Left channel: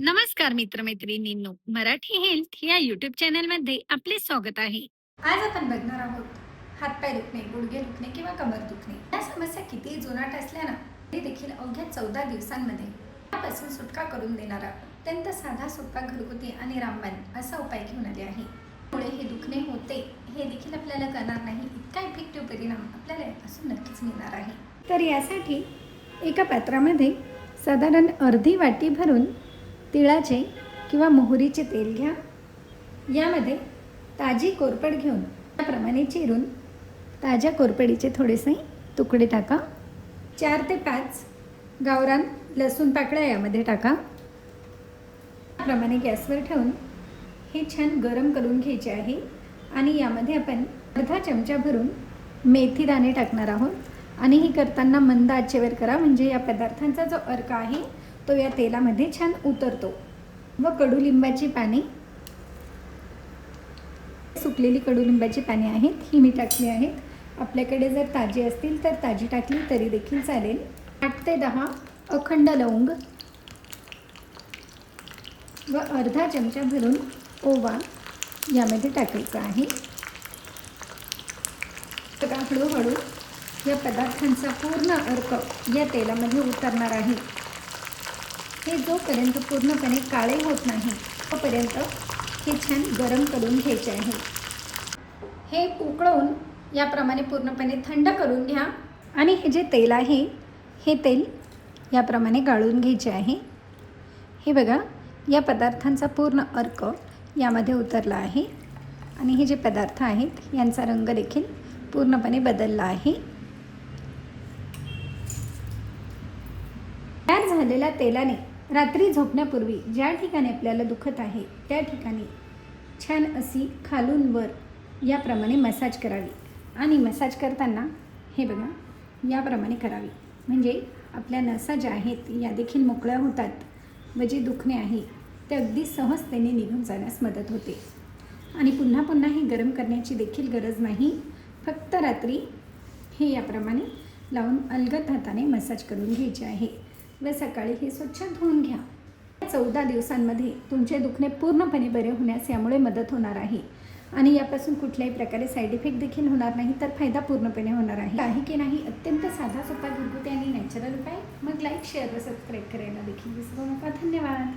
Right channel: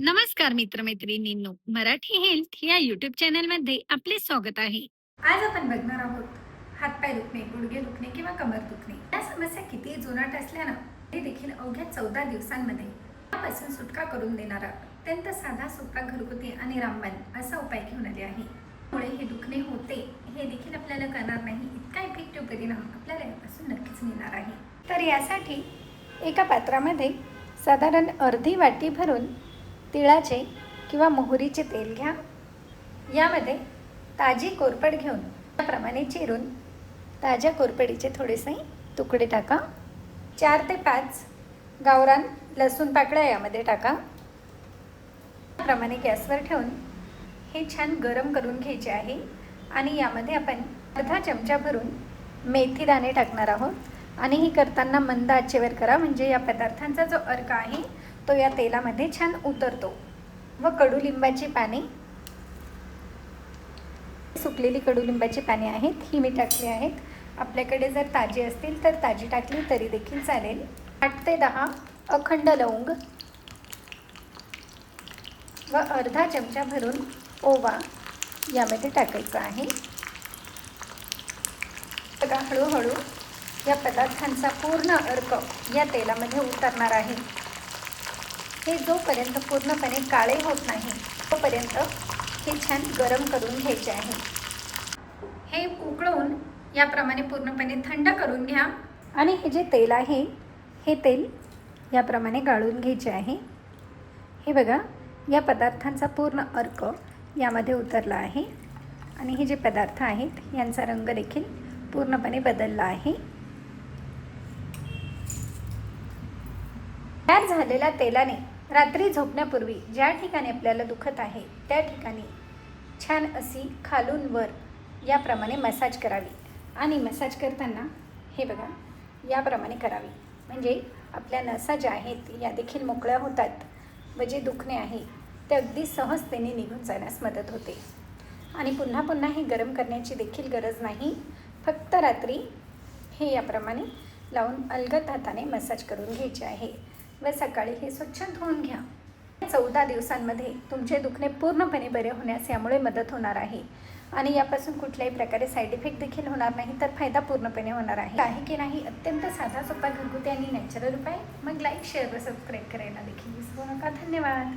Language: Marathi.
नमस्कार मित्रमैत्रिणींनो, मराठी हेल्थ या यूट्यूब चॅनलमध्ये आपले स्वागत आहे. आज आपण बघणार आहोत हातपाय दुखणे, गुडघे दुखणे किंवा कमर दुखणे या समस्या कितीही जुनाट असल्या ना तरी देखील अवघ्या 14 दिवसांमध्ये यापासून सुटका करून देणारा अत्यंत साधा, सोपा, घरगुती आणि रामबाण असा उपाय घेऊन आले आहे. त्यामुळे हे दुखणे होते हे देखील आपल्याला कळणार नाही, इतका इफेक्टिव्ह परिणाम आपल्याला यापासून नक्कीच मिळणार आहे. तर यासाठी एका पात्रामध्ये साधारण अर्धी वाटी भरून तिळाचे किंवा मोहरीचे तेल घ्या. यामध्ये ताजी कोरफड घेऊन त्याप्रमाणे चिरून ताज्या कोरफडीचे थोडेसे तुकडे टाका. 4 ते 5 गावरान लसूण पाकळ्या यामध्ये टाका. त्याप्रमाणे गॅसवर ठेवून हे छान गरम करून घ्यायचे आहे आणि यामध्ये आपण अर्धा चमचा भरून मेथी दाणे टाकणार आहोत आणि हे करताना मंद आचेवर करा, म्हणजे या पदार्थांचा जो अर्क आहे तो या तेलामध्ये छान उतरतो. व कडुलिंबाची पाने, सुकलेली कडुलिंबाची पाने आहेत ही मी टाकली आहेत. आपल्याकडे जर ताजी असतील तर ताजी टाकली तरी देखील चालेल. 8 ते 10 अखंड लवंग व अर्धा चमचा भरून ओवा यामध्ये टाकायचा आहे. बघा, हळूहळू या पदार्थांचा पूर्ण अर्क या तेलामध्ये उतरणार आहे. हे जोपर्यंत पूर्णपणे काळे होत नाही तोपर्यंत हे छान गरम करून घ्यायचे आहे. हे उकळून याप्रमाणे पूर्णपणे थंड करून घ्या आणि हे जे तेल आहे हे तेल याप्रमाणे गाळून घ्यायचे आहे. हे बघा, या पदार्थांचा पूर्ण अर्क यामध्ये उतरला आहे आणि हे जे पदार्थ आहेत यांचा रंग देखील पूर्णपणे बदलला आहे. तयार झालेल्या तेलाने रात्री झोपण्यापूर्वी ज्या ठिकाणी आपल्याला दुखत आहे त्या ठिकाणी छान अशी खालून वर याप्रमाणे मसाज करावी आणि मसाज करताना हे बघा याप्रमाणे करावी, म्हणजे आपल्या नसा ज्या आहेत या देखील मोकळ्या होतात व जे दुखणे आहे ते अगदी सहजतेने निघून जाण्यास मदत होते. आणि पुन्हा पुन्हा हे गरम करण्याची देखील गरज नाही, फक्त रात्री हे याप्रमाणे लावून अलगद हाताने मसाज करून घ्यायचे आहे व सकाळी हे स्वच्छ धुवून घ्या. 14 दिवसांमध्ये तुमचे दुखणे पूर्णपणे बरे होण्यास यामुळे मदत होणार आहे आणि यापासून कुठल्याही प्रकारे साईड इफेक्ट देखील होणार नाही, तर फायदा पूर्णपणे होणार आहे की नाही. अत्यंत साधा, सोपा, घरगुती आणि नॅचरल उपाय. मग लाईक, शेअर व सबस्क्राईब करायला देखील विसरू नका. धन्यवाद.